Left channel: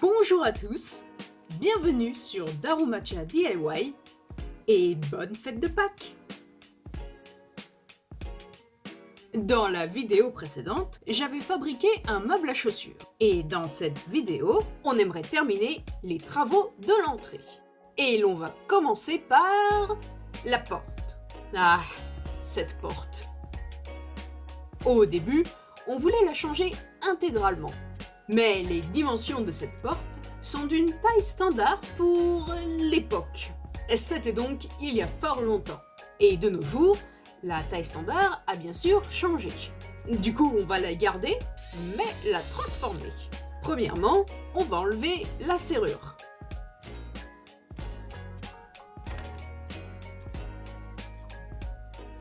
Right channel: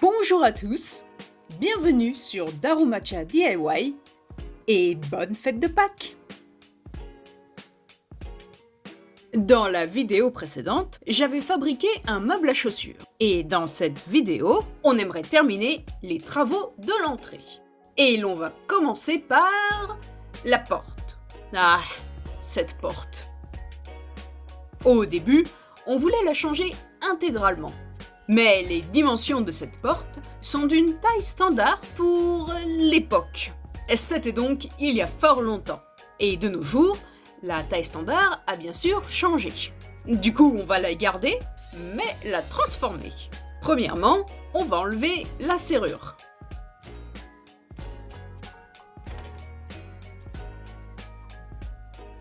Bonjour à tous, bienvenue sur Darumacha DIY et bonne fête de Pâques! Dans la vidéo précédente, j'avais fabriqué un meuble à chaussures. Et dans cette vidéo, on aimerait terminer les travaux de l'entrée. Et l'on va commencer par la porte. Ah, cette porte. Au début, on voulait la changer intégralement. Mais les dimensions de cette porte sont d'une taille standard pour l'époque. C'était donc il y a fort longtemps. Et de nos jours, la taille standard a bien sûr changé. Du coup, on va la garder, mais la transformer. Premièrement, on va enlever la serrure.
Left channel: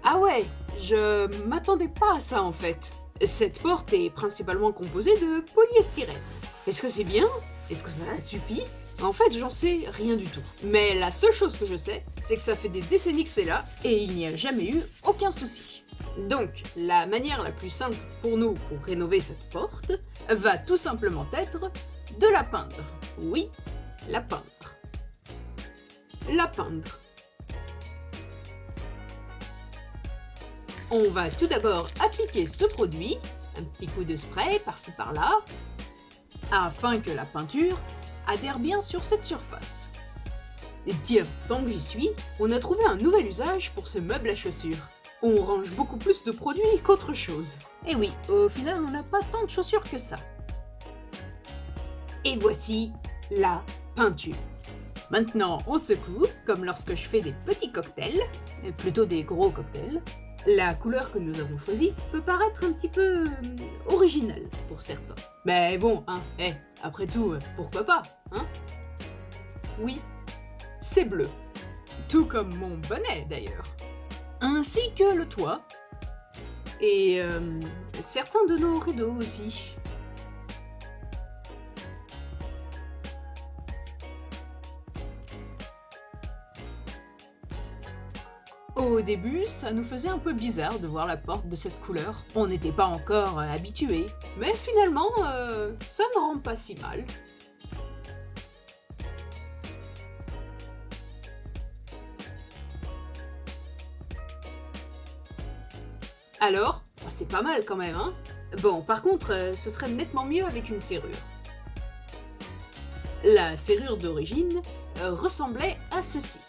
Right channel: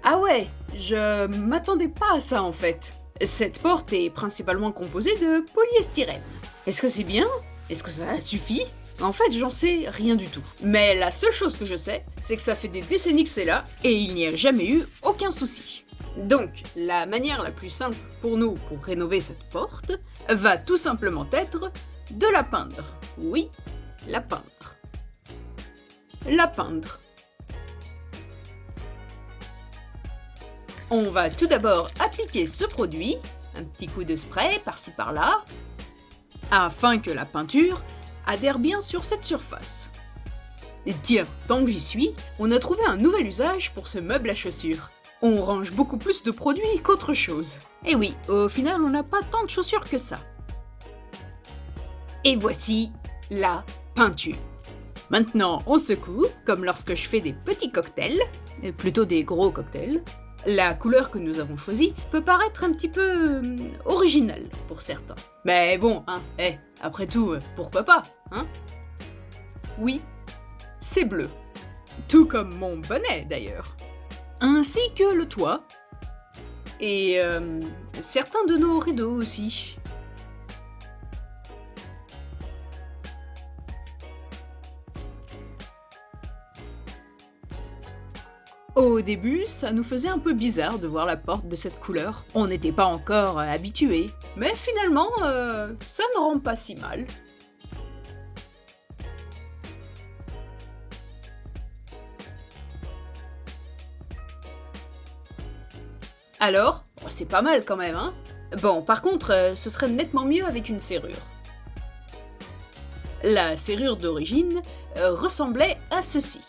Ah ouais, je m'attendais pas à ça en fait. Cette porte est principalement composée de polyestyrène. Est-ce que c'est bien? Est-ce que ça suffit? En fait, j'en sais rien du tout. Mais la seule chose que je sais, c'est que ça fait des décennies que c'est là, et il n'y a jamais eu aucun souci. Donc, la manière la plus simple pour nous pour rénover cette porte va tout simplement être de la peindre. Oui, la peindre. La peindre. On va tout d'abord appliquer ce produit, un petit coup de spray par-ci par-là, afin que la peinture adhère bien sur cette surface. Et tiens, tant que j'y suis, on a trouvé un nouvel usage pour ce meuble à chaussures. On range beaucoup plus de produits qu'autre chose. Et oui, au final, on n'a pas tant de chaussures que ça. Et voici la peinture. Maintenant, on secoue, comme lorsque je fais des petits cocktails, plutôt des gros cocktails. La couleur que nous avons choisie peut paraître un petit peu originale pour certains. Mais bon, après tout, pourquoi pas, hein? Oui, c'est bleu. Tout comme mon bonnet d'ailleurs. Ainsi que le toit. Et certains de nos rideaux aussi. Au début, ça nous faisait un peu bizarre de voir la porte de cette couleur. On n'était pas encore habitués. Mais finalement, ça ne rend pas si mal. Alors, c'est pas mal quand même, hein? Bon, par contre, ce serait nettement mieux avec une serrure. La serrure d'origine ressemblait à ceci.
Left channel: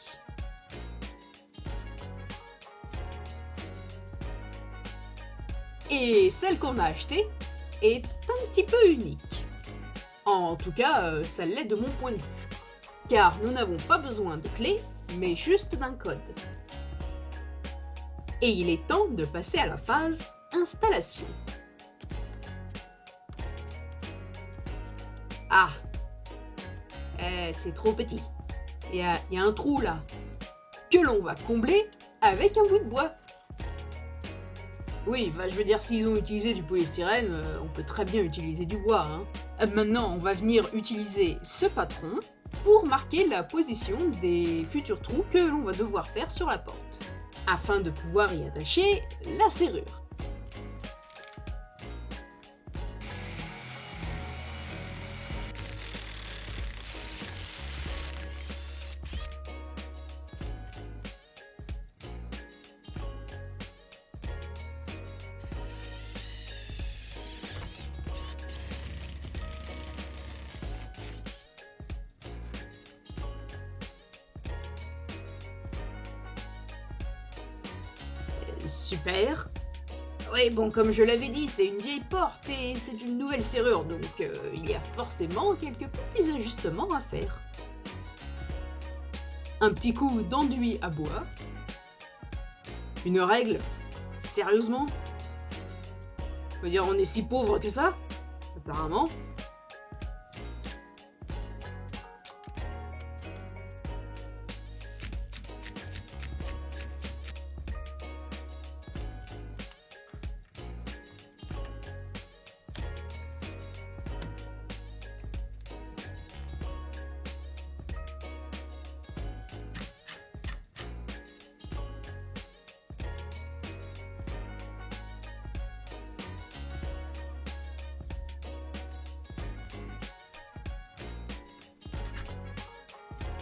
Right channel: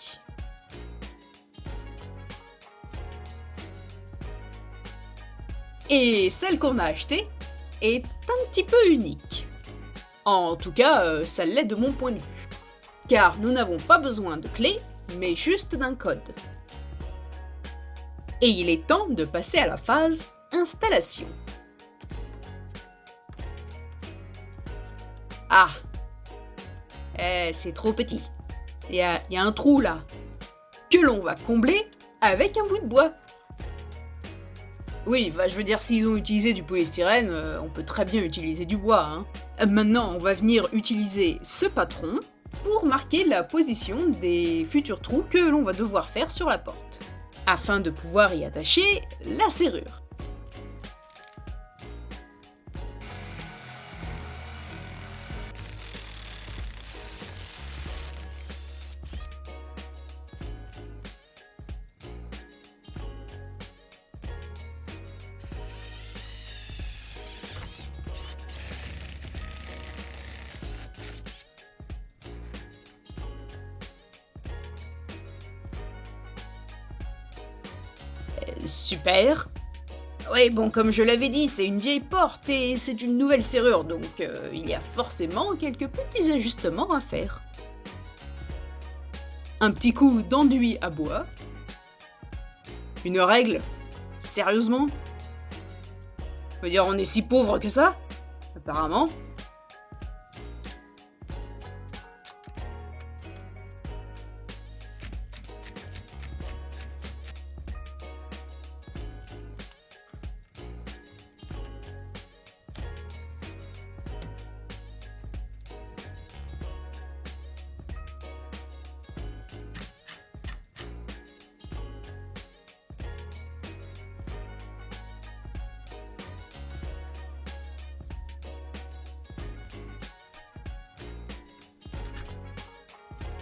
Et celle qu'on a achetée est un petit peu unique. En tout cas, ça l'est de mon point de vue. Car nous n'avons pas besoin de clé, mais juste d'un code. Et il est temps de passer à la phase installation. Ah, c'est trop petit. Il y a un trou là, que l'on va combler avec un bout de bois. Oui, je veux dire, s'ils ont utilisé du polystyrène, on peut très bien utiliser du bois, hein. Maintenant, on va venir utiliser ce patron pour marquer la position des futurs trous que l'on va devoir faire sur la porte, afin de pouvoir y attacher la serrure. Super. Ouais, bon, comme je l'avais dit, c'est une vieille porte et c'est une nouvelle serrure, donc il y a forcément quelques petits ajustements à faire. Un petit coup d'enduit à bois. Une règle? Sérieusement? Je veux dire, on est si pauvre que ça? Apparemment.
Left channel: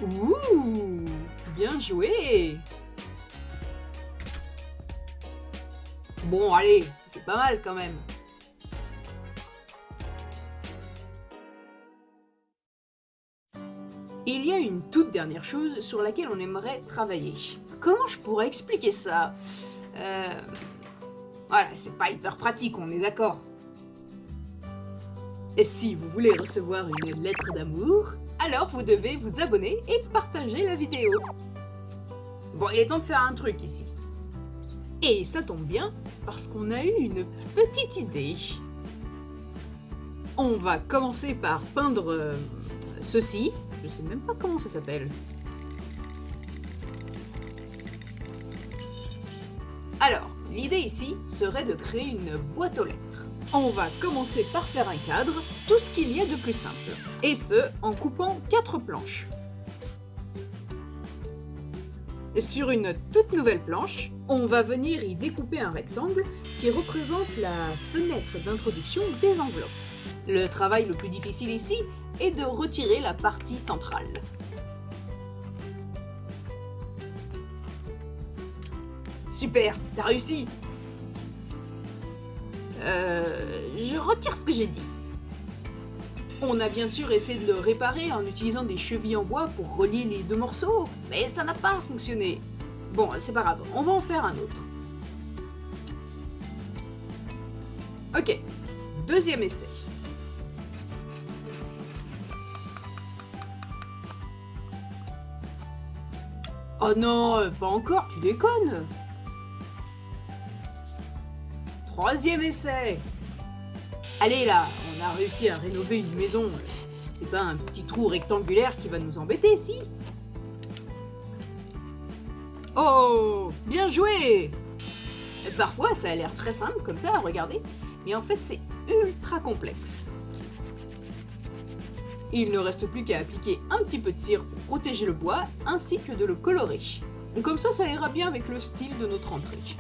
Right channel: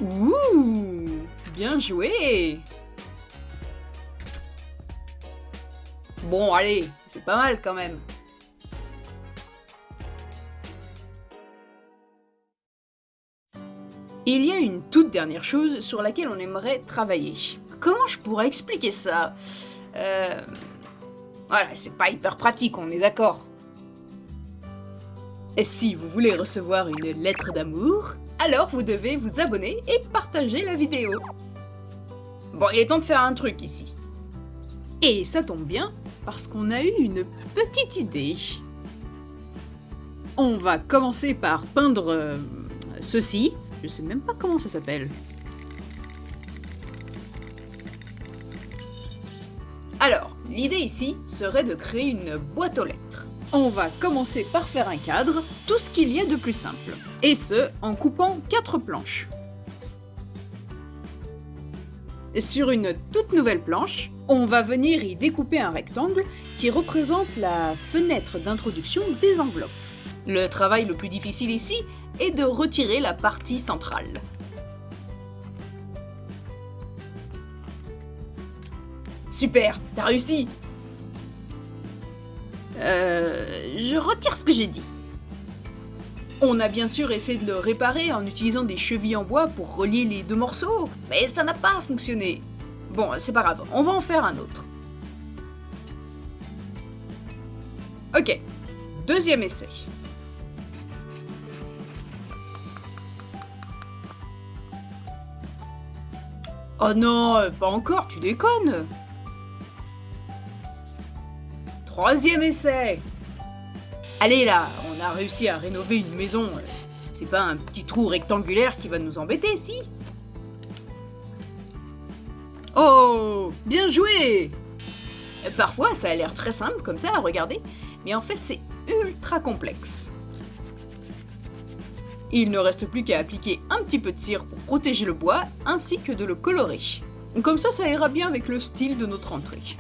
Ouh, bien joué! Bon, allez, c'est pas mal quand même. Il y a une toute dernière chose sur laquelle on aimerait travailler. Comment je pourrais expliquer ça? Euh... Voilà, c'est pas hyper pratique, on est d'accord. Et si vous voulez recevoir une lettre d'amour, alors vous devez vous abonner et partager la vidéo. Bon, il est temps de faire un truc ici. Et ça tombe bien, parce qu'on a eu une petite idée. On va commencer par peindre ceci. Je sais même pas comment ça s'appelle. Alors, l'idée ici serait de créer une boîte aux lettres. On va commencer par faire un cadre, tout ce qu'il y a de plus simple. Et ce, en coupant 4 planches. Sur une toute nouvelle planche, on va venir y découper un rectangle qui représente la fenêtre d'introduction des enveloppes. Le travail le plus difficile ici est de retirer la partie centrale. Super, t'as réussi! Je retire ce que j'ai dit. On a bien sûr essayé de le réparer en utilisant des chevilles en bois pour relier les deux morceaux, mais ça n'a pas fonctionné. Bon, c'est pas grave, on va en faire un autre. Ok, deuxième essai. Oh non, pas encore, tu déconnes! Troisième essai. Allez là, on a réussi à rénover une maison. C'est pas un petit trou rectangulaire qui va nous embêter, si? Oh, bien joué! Parfois, ça a l'air très simple comme ça à regarder, mais en fait, c'est ultra complexe. Il ne reste plus qu'à appliquer un petit peu de cire pour protéger le bois, ainsi que de le colorer. Comme ça ira bien avec le style de notre entrée.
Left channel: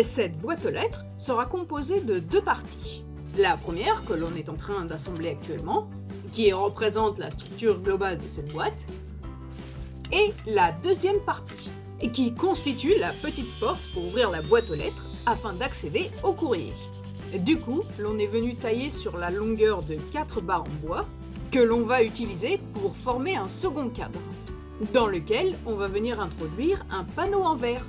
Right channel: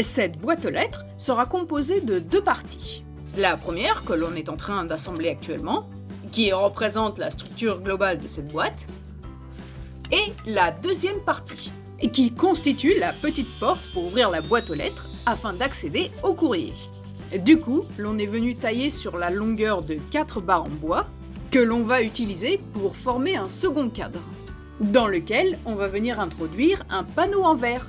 Cette boîte aux lettres sera composée de 2 parties. La première, que l'on est en train d'assembler actuellement, qui représente la structure globale de cette boîte, et la deuxième partie, qui constitue la petite porte pour ouvrir la boîte aux lettres afin d'accéder au courrier. Du coup, l'on est venu tailler sur la longueur de 4 barres en bois, que l'on va utiliser pour former un second cadre, dans lequel on va venir introduire un panneau en verre.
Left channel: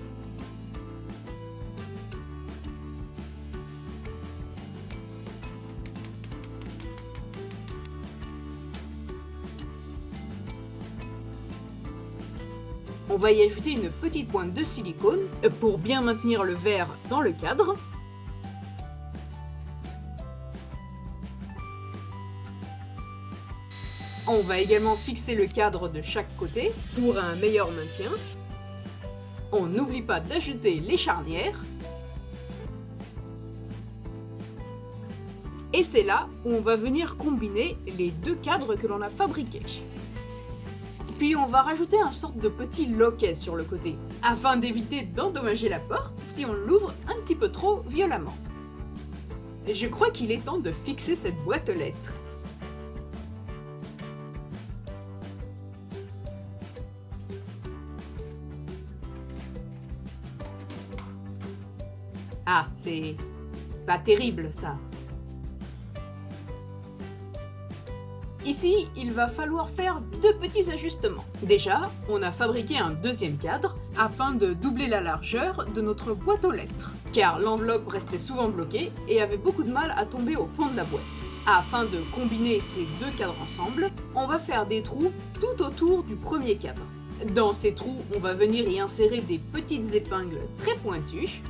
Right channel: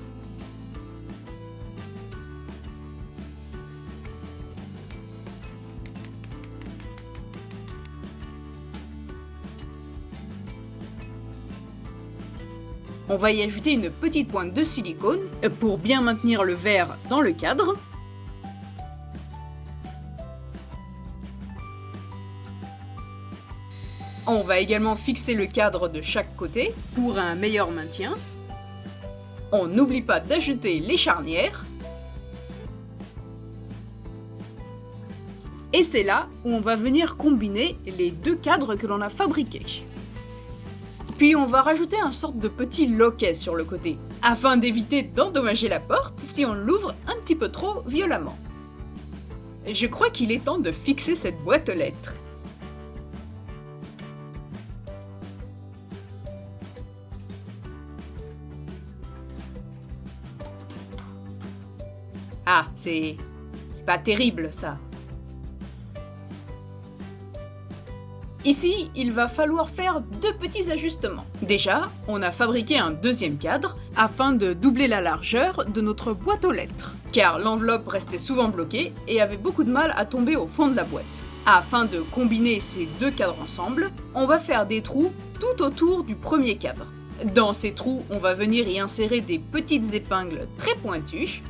On va y ajouter une petite pointe de silicone pour bien maintenir le verre dans le cadre. On va également fixer le cadre de chaque côté pour un meilleur maintien. On n'oublie pas d'ajouter les charnières. Et c'est là où on va venir combiner les 2 cadres que l'on a fabriqués. Puis on va rajouter un sorte de petit loquet sur le côté, afin d'éviter d'endommager la porte si on l'ouvre un petit peu trop violemment. Et je crois qu'il est temps de fixer cette boîte aux lettres. Ah, c'est pas terrible ça. Ici, il va falloir faire 2 petits ajustements. Déjà, on a fabriqué un deuxième cadre afin de doubler la largeur de notre boîte aux lettres, car l'enveloppe restait souvent bloquée et avait beaucoup de mal à tomber au fond de la boîte. Afin de combiner ces 2 cadres ensemble, on va faire des trous tout autour du premier cadre. Dans ces trous, on va venir y insérer des petites épingles très pointues.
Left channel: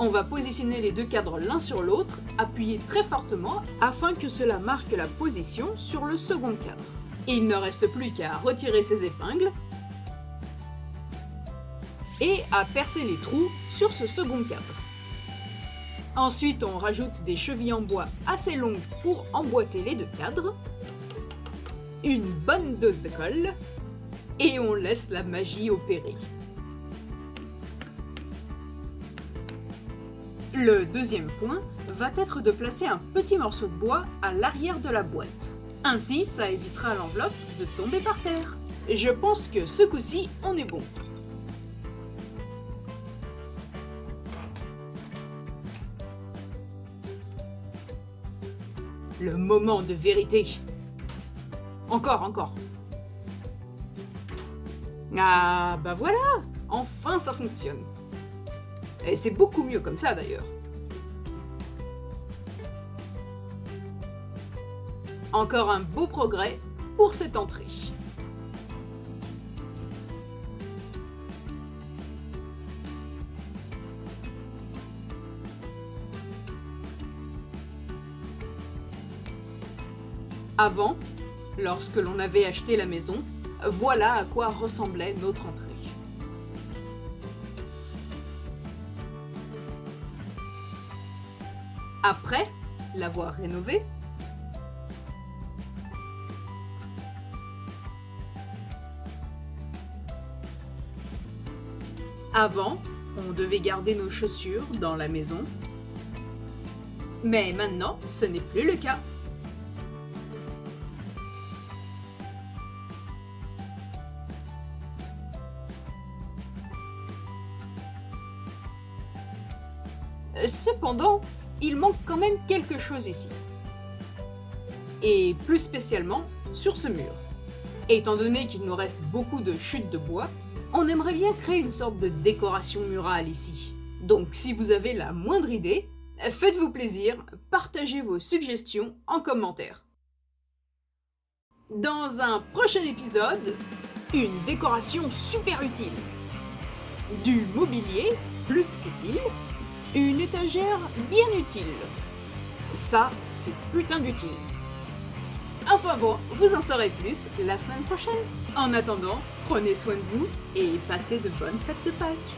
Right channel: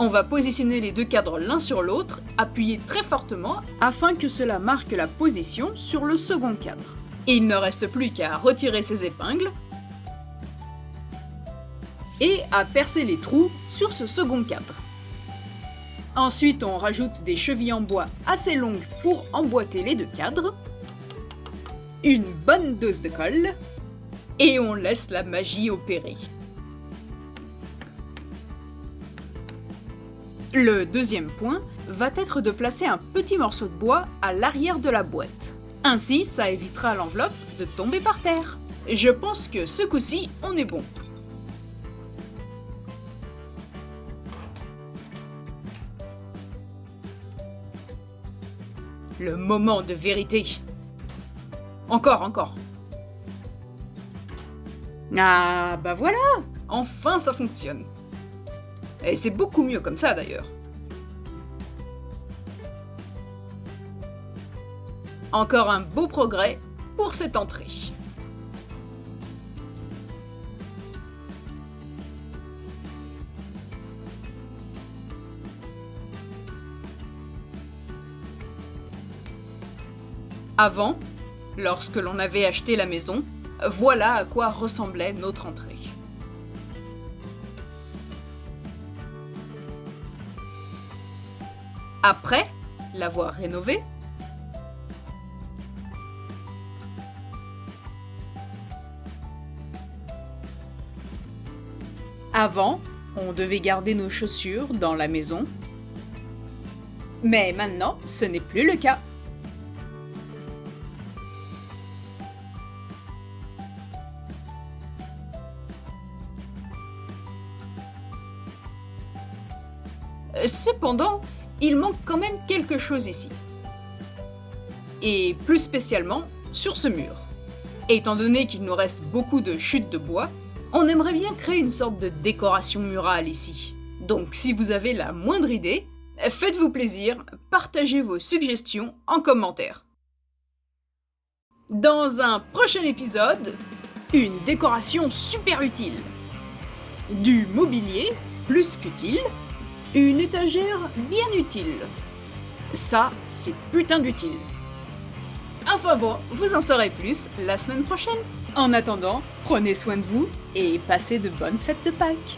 On va positionner les 2 cadres l'un sur l'autre, appuyer très fortement afin que cela marque la position sur le second cadre. Il ne reste plus qu'à retirer ces épingles et à percer les trous sur ce second cadre. Ensuite, on rajoute des chevilles en bois assez longues pour emboîter les 2 cadres, une bonne dose de colle et on laisse la magie opérer. Le deuxième point va être de placer un petit morceau de bois à l'arrière de la boîte. Ainsi, ça évitera l'enveloppe de tomber par terre. Je pense que ce coup-ci, on est bon. Le moment de vérité. Encore. Ah, bah voilà! Enfin, ça fonctionne. Et c'est beaucoup mieux comme ça, d'ailleurs. Encore un beau progrès pour cette entrée. Avant, lorsque l'on avait acheté la maison, voilà à quoi ressemblait notre entrée. Après l'avoir rénovée, avant, on devait garder nos chaussures dans la maison, mais maintenant, ce n'est plus le cas. Cependant, il manque quand même quelque chose ici. Et plus spécialement sur ce mur. Étant donné qu'il nous reste beaucoup de chutes de bois, on aimerait bien créer une sorte de décoration murale ici. Donc si vous avez la moindre idée, faites-vous plaisir, partagez vos suggestions en commentaire. Dans un prochain épisode, une décoration super utile. Du mobilier plus qu'utile. Une étagère bien utile. Ça, c'est putain d'utile. Enfin bon, vous en saurez plus la semaine prochaine. En attendant, prenez soin de vous et passez de bonnes fêtes de Pâques.